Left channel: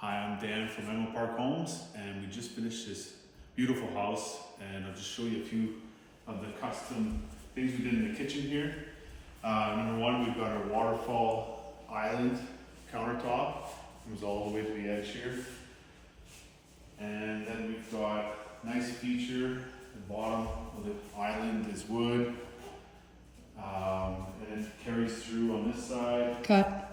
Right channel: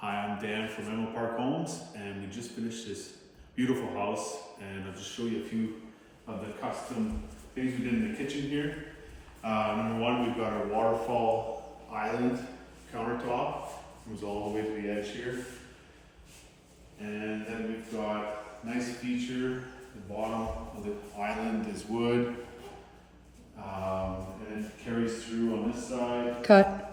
Hi, I'm Dan from Park Homes, and we just finished this beautiful house, and I'll just show you a few of the custom things we did in the kitchen here. Number one, we've got our Waterfall island countertop. Comes all the way to the edge here. And then we've got nice feature, the bottom of the island is wood. And it carries through on this side. Cut.